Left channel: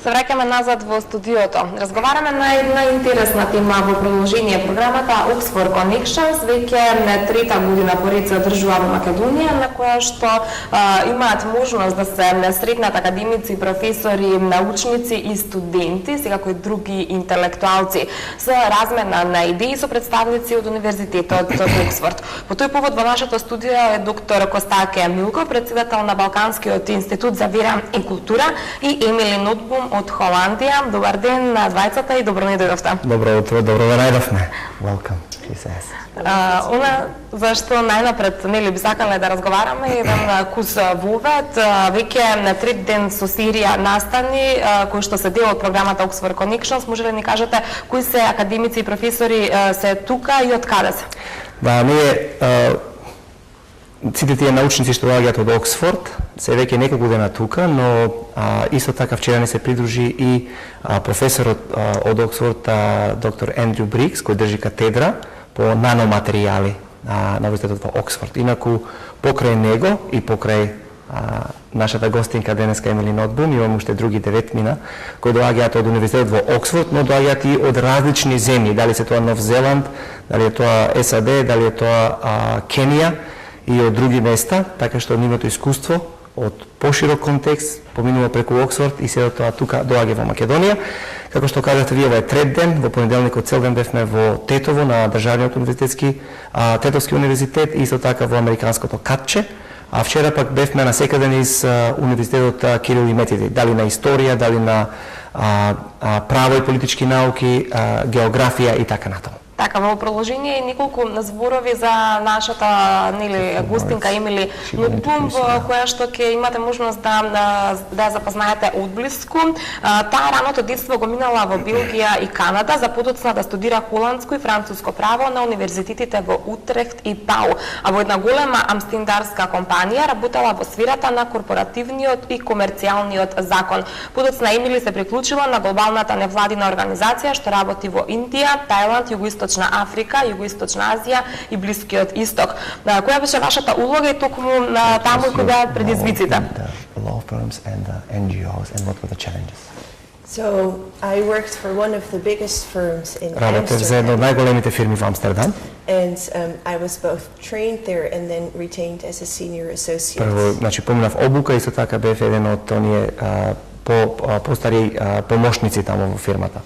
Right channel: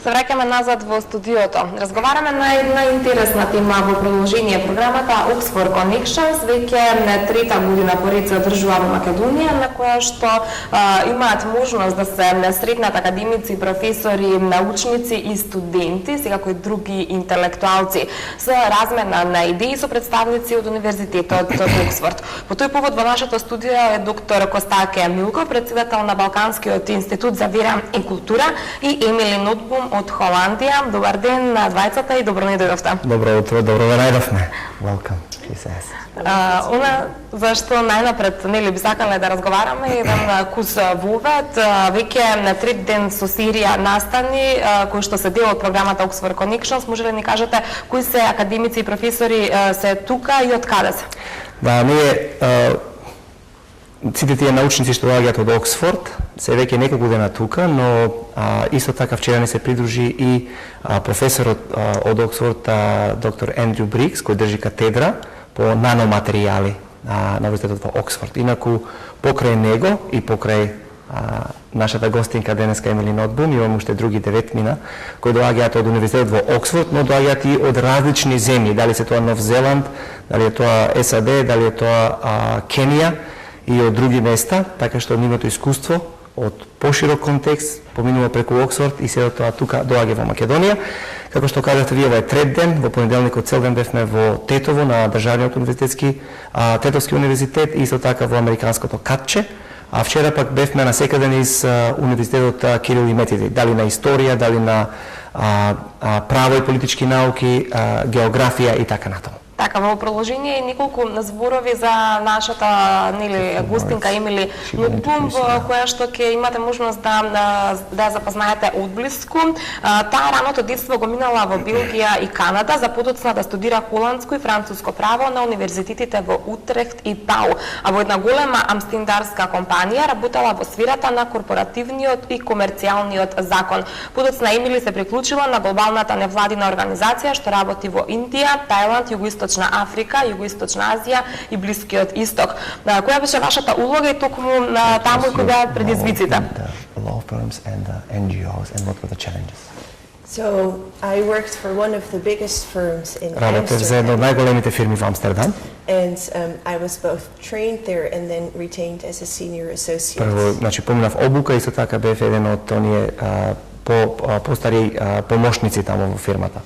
Се враќаме назад во студиото. Разговараме на една интересна тема во продолжение програмата Oxford Connections, веќе трета година поред се одржува во Македонија, на која што имаат можност да се сретнат академици, професори, научници и студенти, секако и други интелектуалци, со размена на идеи со представници од Универзитетот Оксфорд. По тој повод во нашето студио е доктор Колосек, председател на Балканскиот институт за вера и култура, и Емили Нотбум од Холандија. Добар ден на двајцата и добро ни дојдовте. Добро утро, добро најдовме. Welcome. Она зашто најнапред нели би сакале да разговараме еден кус вовед, веќе на 3 ден со серија настани кои што се дел од програмата Oxford Connections. Може ли да ни кажете кои се академици и професори се тука и од каде се? Да, ние сите тие научници што доаѓаат од Оксфорд се веќе неколку дена тука, но исто така вчера ни се придружи и професорот од Оксфорд, доктор Ендрю Брикс, кој држи катедра по наноматеријали на Универзитетот во Оксфорд. Инаку покрај него и покрај нашата гостинка денеска Емили Нотбум, имам уште други 9 мина кои доаѓаат од Универзитетот во Оксфорд, но доаѓаат и од различни земји, дали се тоа Нов Зеланд, дали е тоа САД, дали е тоа Кенија и од други места, така што нивното искуство од поширок контекст поминува преку Оксфорд и сега тоа тука доаѓа во Македонија. Како што кажавте вие, ова е трет ден, во понеделникот цел ден бевме во Тетово на државниот Тетовски универзитет и исто така во американското Катче, а вчера пак бевме на секаде низ универзитетот Кирил и Методи, дали на историја, дали на право и политички науки, географија и така натаму. Така, во продолжение неколку зборови за нашата нели гостинка Емили Нотбум, која што ќе имате можност да запознаете одблиску. Таа раното детство го минала во Белгија и Канада, за потоцна да студира холандско и француско право на универзитетите во Утрехт и Пау, а во една голема амстендарска компанија работела во сферата на корпоративниот и комерцијалниот закон. Потоцна Емили се приклучила на глобалната невладина организација што работи во Индија, Тајланд, Југоисточна Африка, Југоисточна Азија и Блискиот Исток. Која беше вашата улога и токму таму кои беа предизвиците? Law firms and NGOs and what were the challenges? So I worked for one of the biggest firms in Работев за една од најголемите фирми во Амстердам. And I was both trained there and then retained as a senior associate. Прво, значи поминав обука и исто така бев еден од оние постари помошници таму во фирмата.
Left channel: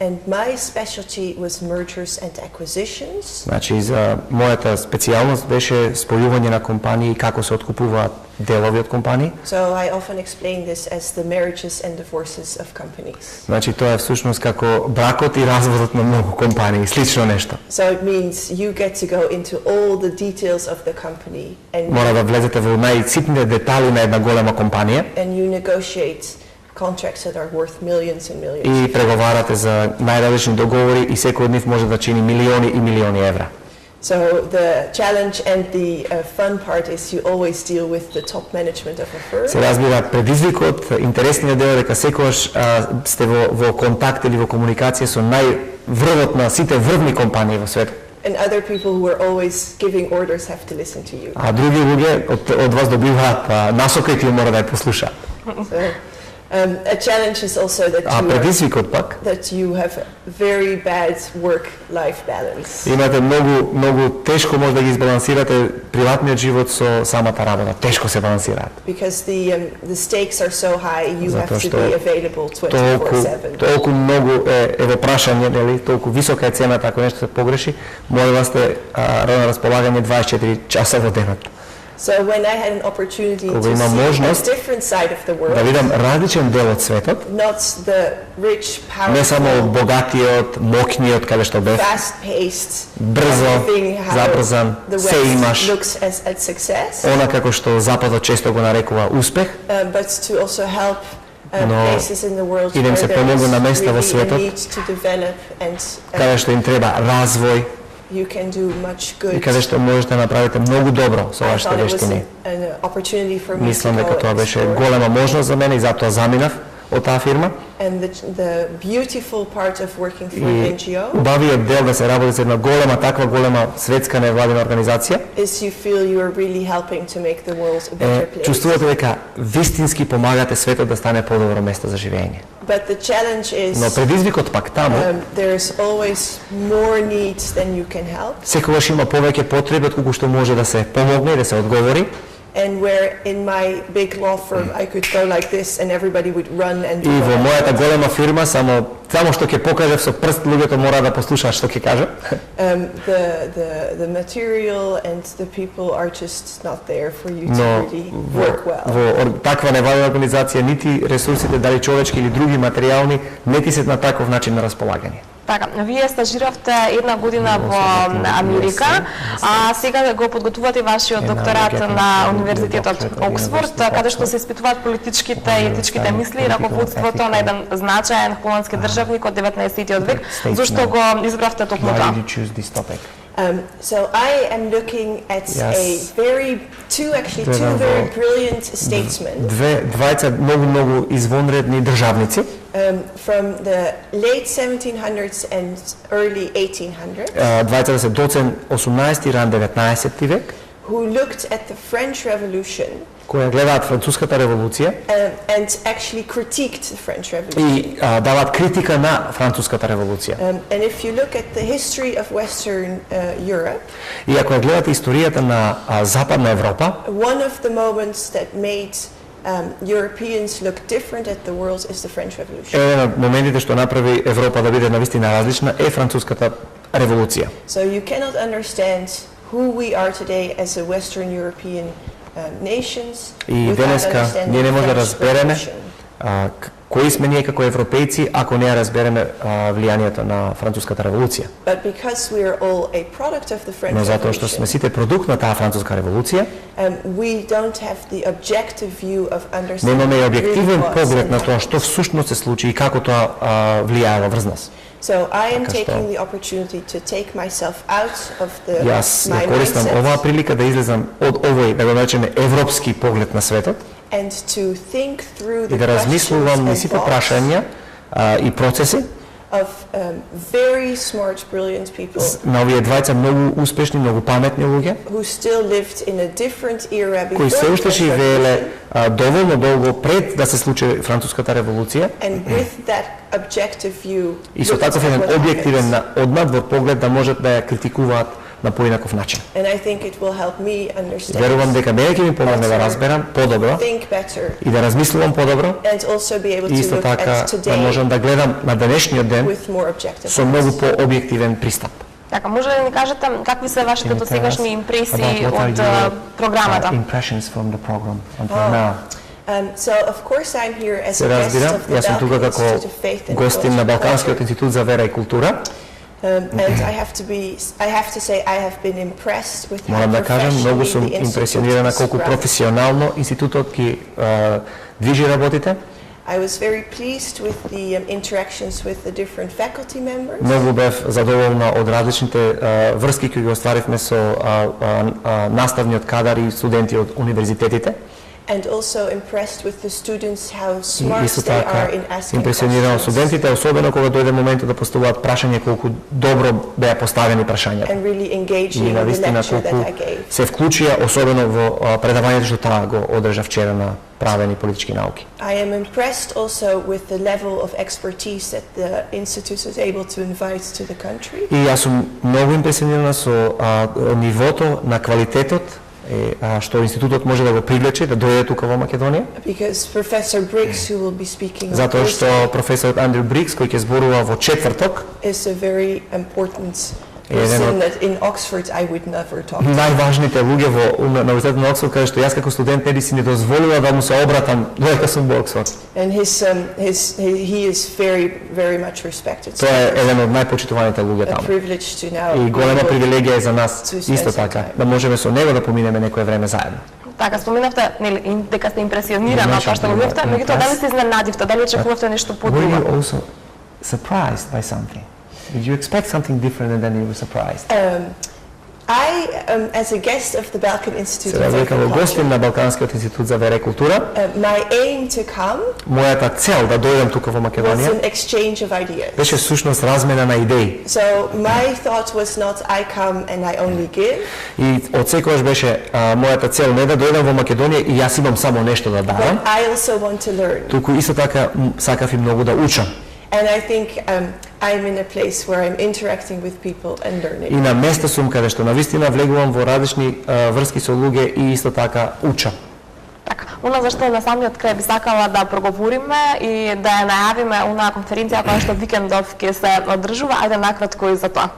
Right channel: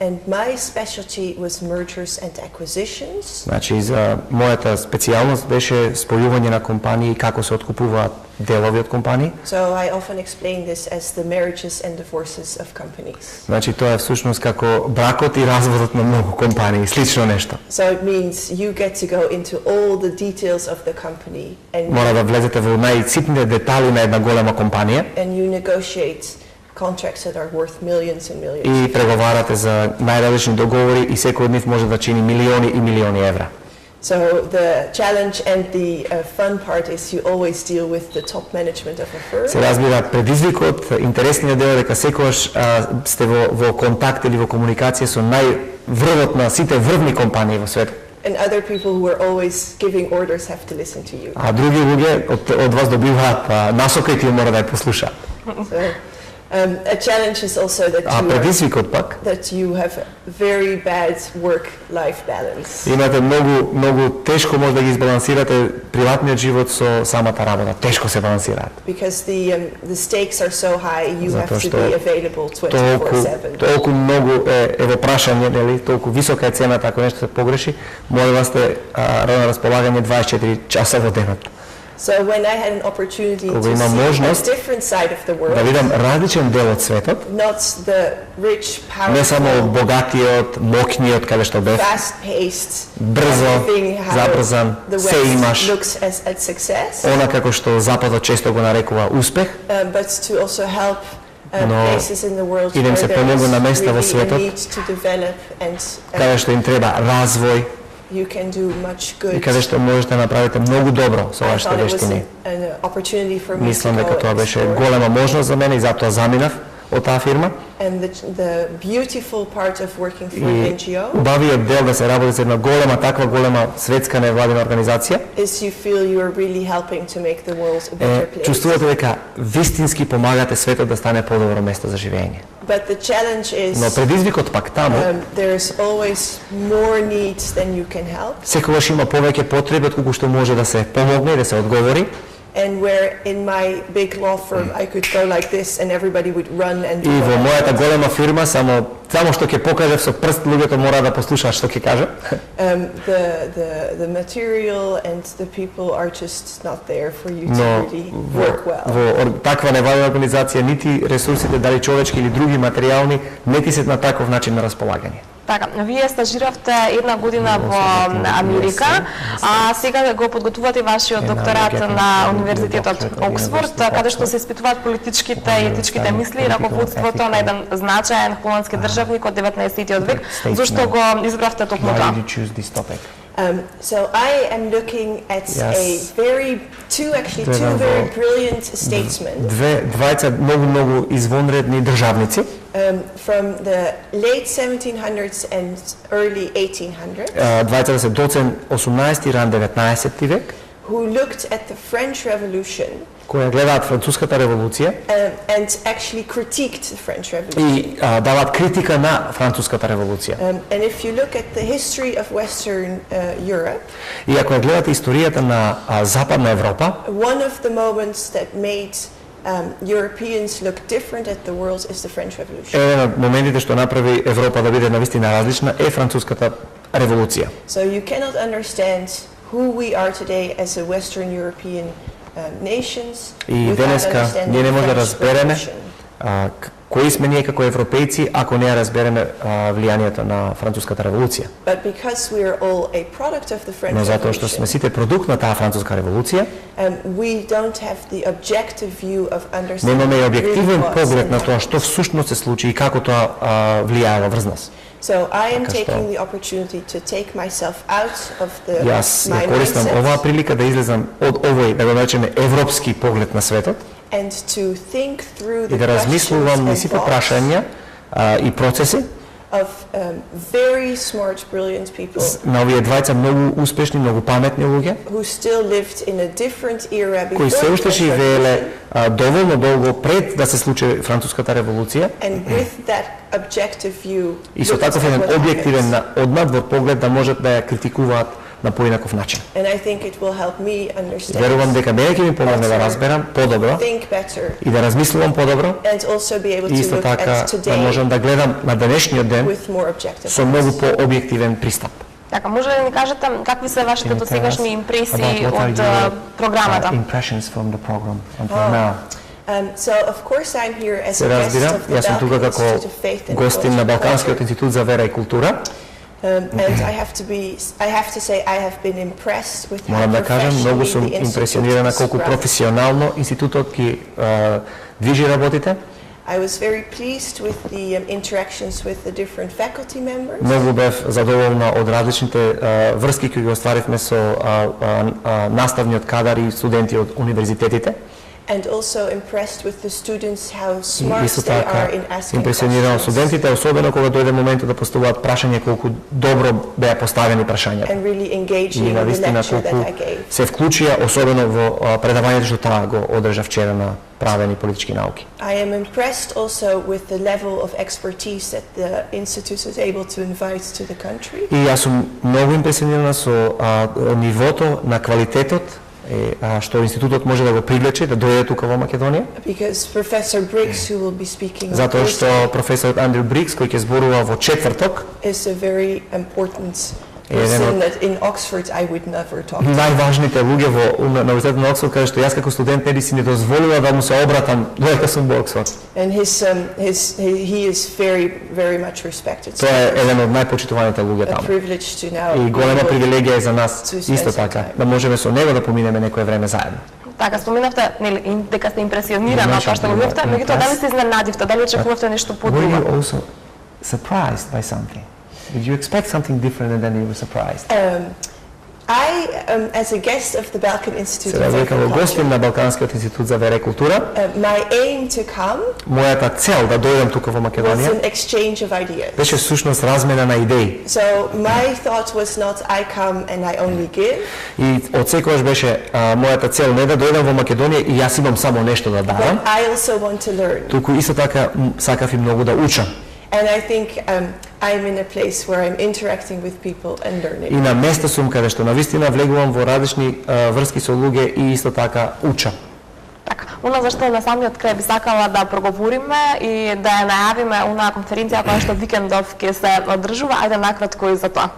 And my specialty was mergers and acquisitions. Значи за мојата специјалност беше спојување на компании и како се откупуваат делови од компании. So I often explain this as the marriages and divorces of companies. Значи тоа е всушност како бракот и разводот на многу компании, слично нешто. So it means you get to go into all the details of the company and мора да влезете во најситните детали на една голема компанија. And you negotiate contracts that are worth millions and millions. И преговарате за најразлични договори и секој од нив може да чини милиони и милиони евра. So the challenge and the fun part is you always deal with the top management of a firm. Се разбира предизвикот, интересниот дел е дека секогаш сте во контакт или во комуникација со најврвот на сите врвни компании во светот. And other people who are always giving orders have to listen to you. А други луѓе од вас добиваат насока и тие мора да ја послушаат. A challenge is also that you have a very bad work-life balance. Имате многу тешко може да ги избалансирате приватниот живот со самата работа. Тешко се балансираат. Because the stakes are so high, you have to be available 24/7. Толку многу е во прашање, нели, толку висока е цената ако нешто се погреши, мора да сте на располагање 24 часа во денот. So when I had an opportunity to see a different side of the world, да видам различен дел од светот, not the rich, powerful, не само богатиот, моќниот, каде што бев, fast-paced, брзо, забрзан, се имаш, она како што Западот често го нарекува успех, but to also help но идем се помогу на места во светот, каде што им треба развој, you can do much good. И каде што можете да направите многу добро со вашите вештини. Мислам дека тоа беше голема можност за мене и затоа заминав од таа фирма. And the beautiful part of working for an NGO убавиот дел да се работи за една голема, таква голема светска невладина организација is you feel you are really helping to make the world a better place. Чувствувате дека вистински помагате светот да стане подобро место за живење. But the challenge is Но предизвикот пак таму there's always more needs than you can help. Секогаш има повеќе потреби од колку што може да се помогне и да се одговори. And where in my big law firm I could go like this and everybody would run and do И во мојата голема фирма само што ќе покажев со прст, луѓето мора да послушаат што ќе кажа. The material and the people are just not there for you to really work well. Во таква невладина организација нити ресурсите, дали човечки или други материјални, не ти се на таков начин на располагање. Така, вие стажиравте една година во Америка, а сега го подготвувате вашиот докторат на Универзитетот Оксфорд, каде што се испитуваат политичките и етичките мисли и раководството на еден значаен холандски државник од 19-тиот век. Зошто го избравте токму тоа? So I am looking at two very brilliant statesmen. Двајца многу извонредни државници. From the late 1700s and early 1800s. Двајца се доцен 18 и ран 19 век. Who looked at the French Revolution. Која гледаат француската револуција and actually critiqued the French Revolution. И даваат критика на француската револуција. And if you look at the history of Western Europe, и ако гледате историјата на Западна Европа, one of the moments that made Europeans look different at the world is the French Revolution. Еден од моментите што направи Европа да биде навистина различна е француската револуција. So you cannot understand who we are today as a Western European nations. И денеска ние не можеме да разбереме кои сме ние како европејци ако не разбереме влијанието на француската револуција. But because we are all a product of the French Но затоа што сме сите продукт на таа француска револуција, we don't have the objective view of understanding. Немаме објективен поглед на тоа што всушност се случи и како тоа влијае врз нас. So I am taking the opportunity to take myself out of my Јас користам оваа прилика да излезам од овој, да го наречеме, европски поглед на светот and to think through и да размислувам на сите прашања и процеси of very smart, brilliant people на овие двајца многу успешни, многу паметни луѓе who still lived in a different era кои се уште живееле доволно долго пред да се случи француската револуција and with that objective view и со таков еден објективен однадвор поглед да можат да ја критикуваат на поинаков начин. And I think it will help me understand. Верувам дека мене ќе ми помогне да разберам подобро и да размислувам подобро and also be able и to исто look така at да today можам да гледам на денешниот ден with more objective со многу пообјективен пристап. Така, може ли да ни кажете какви се вашите досегашни импресии од програмата? Impressions from the program until now. So of course I'm here as a guest of the Јас сум тука Balkan како Institute of Faith and гостин на Culture. Балканскиот институт за вера и култура. And I have to say I have been impressed with how Морам да кажам, многу professionally сум the institute импресионирана is колку run. професионално институтот ги движи работите. I was very pleased with the interactions with the different faculty members. Многу бев задоволна од различните врски кои ги остваривме со наставниот кадар и студенти од универзитетите. And also impressed with the students how smart Исто they така, are in asking импресионирано questions студентите, особено кога дојде моментот да поставуваат прашања, колку добро беа поставени прашањата. and really И engaging in the навистина lecture that колку I gave. се вклучија, особено во предавањето што таа го одржа вчера на правени политички науки. I am impressed also with the level of expertise that the institute is able to invite to the country. И јас сум многу импресионирана со нивото на квалитетот што институтот може да го привлече да дојде тука во Македонија. Because Professor Briggs, who will be speaking on Затоа што Thursday, професорот Андрю Брикс, кој ќе зборува во четврток, is a very important Еден person од that in Oxford I would never talk to. најважните луѓе во Универзитетот на Оксфорд, каде што јас како студент не би си не дозволила да му се обратам додека сум во Оксфорд. And he is very much respected. So Тоа е еден од најпочитуваните луѓе a таму. privilege to now И голема be able привилегија е за нас to spend исто some така time. да можеме со него да поминеме некое време заедно. Така, споменавте дека сте импресионирана од тоа што го видовте, меѓутоа дали се изненадивте, дали очекувавте нешто Were подобро? you also surprised by something? Did you expect something different and then you were surprised? as a guest of the Balkan Institute Сега дека во гостин на Балканскиот институт за вера и култура, my aim to come мојата цел да дојдам тука во was Македонија an exchange of ideas. беше всушност размена на идеи. So my thought was not I come and I only give. И од секогаш беше мојата цел не да дојдам во Македонија и јас имам само нешто да давам. I also want to learn. Туку исто така сакав и многу да учам. And I think I'm in a place where I'm interacting with people and learning. И на место сум каде што навистина влегувам во различни врски со луѓе и исто така учам. Така, она зашто на самиот крај би сакала да проговориме и да ја најавиме онаа конференција која што викендов ќе се одржува, ајде накратко и за тоа.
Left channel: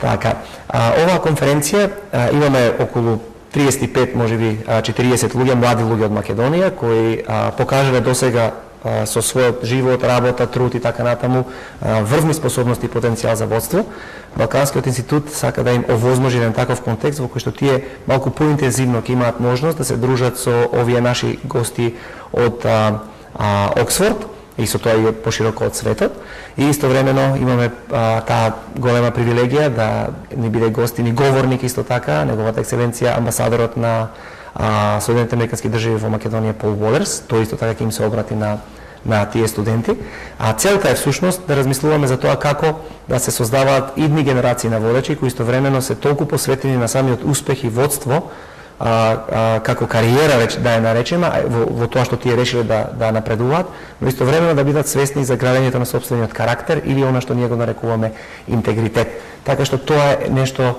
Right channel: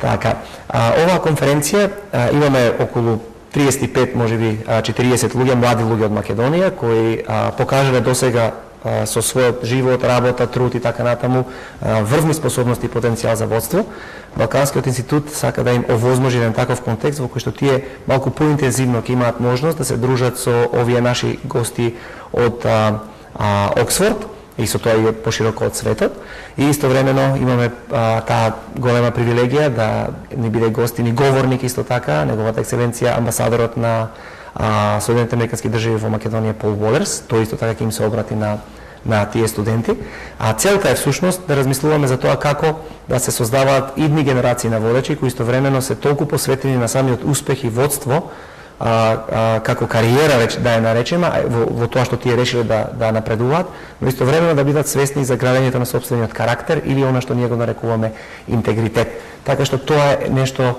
Така, оваа конференција имаме околу 35, можеби 40 луѓе, млади луѓе од Македонија кои покажале досега со својот живот, работа, труд и така натаму врвни способности и потенцијал за водство. Балканскиот институт сака да им овозможи еден таков контекст во кој што тие малку поинтензивно ќе имаат можност да се дружат со овие наши гости од Оксфорд и со тоа и пошироко од светот. И истовремено имаме таа голема привилегија да ни биде гостин и говорник исто така, неговата екселенција амбасадорот на Соединените американски држави во Македонија Пол Уолерс, тој исто така ќе им се обрати на тие студенти. А целта е всушност да размислуваме за тоа како да се создаваат идни генерации на водачи кои истовремено се толку посветени на самиот успех и водство, како кариера веќе да ја наречеме, во тоа што тие решили да напредуваат, но истовремено да бидат свесни за градењето на собствениот карактер или она што ние го нарекуваме интегритет. Така што тоа е нешто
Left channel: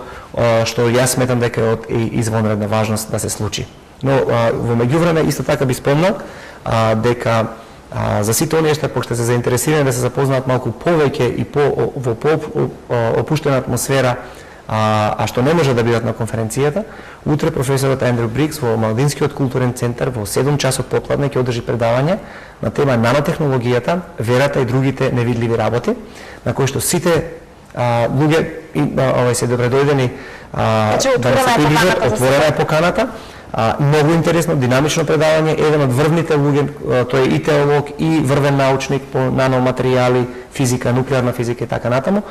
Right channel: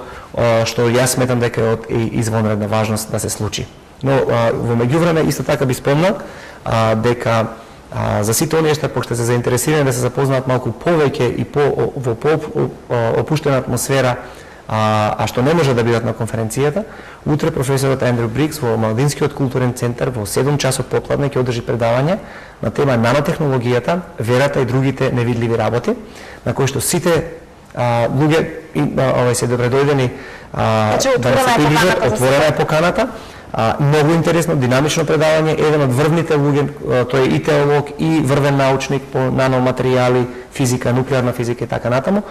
што јас сметам дека е од извонредна важност да се случи. Но во меѓувреме исто така би спомнал дека за сите оние што се заинтересирани да се запознаат малку повеќе и во опуштена атмосфера, а што не може да бидат на конференцијата, утре професорот Ендрю Брикс во Младинскиот културен центар во 7 часот попладне ќе одржи предавање на тема нанотехнологијата, верата и другите невидливи работи, на кој што сите луѓе се добредојдени да се приближат, отворена е поканата. Многу интересно, динамично предавање, еден од врвните луѓе, тој е и теолог и врвен научник по наноматеријали, физика, нуклеарна физика и така натаму.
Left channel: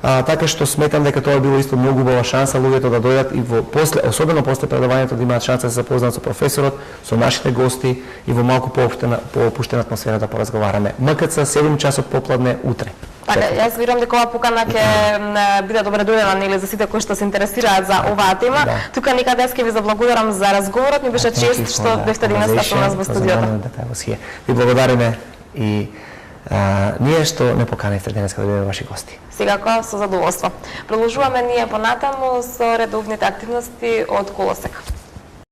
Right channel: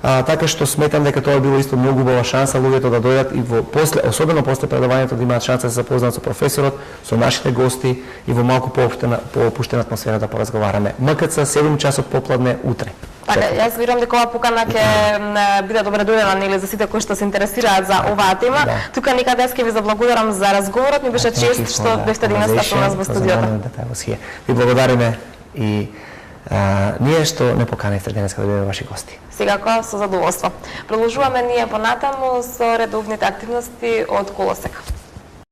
Така што сметам дека тоа било исто многу убава шанса луѓето да дојдат и особено после предавањето да имаат шанса да се запознаат со професорот, со нашите гости и во малку поопуштена атмосфера да поразговараме. МКЦ 7 часот попладне утре. Така, јас верувам дека оваа покана ќе биде добре дојдена или за сите кои што се интересираат за оваа тема. Да. Тука никаде ќе ви заблагодарам за разговорот, ми беше чест што бевте денеска со нас во студиото. Ви благодариме и ние што не поканивте денеска да бидеме ваши гости. Секако со задоволство. Продолжуваме ние понатаму со редовните активности од Колосек.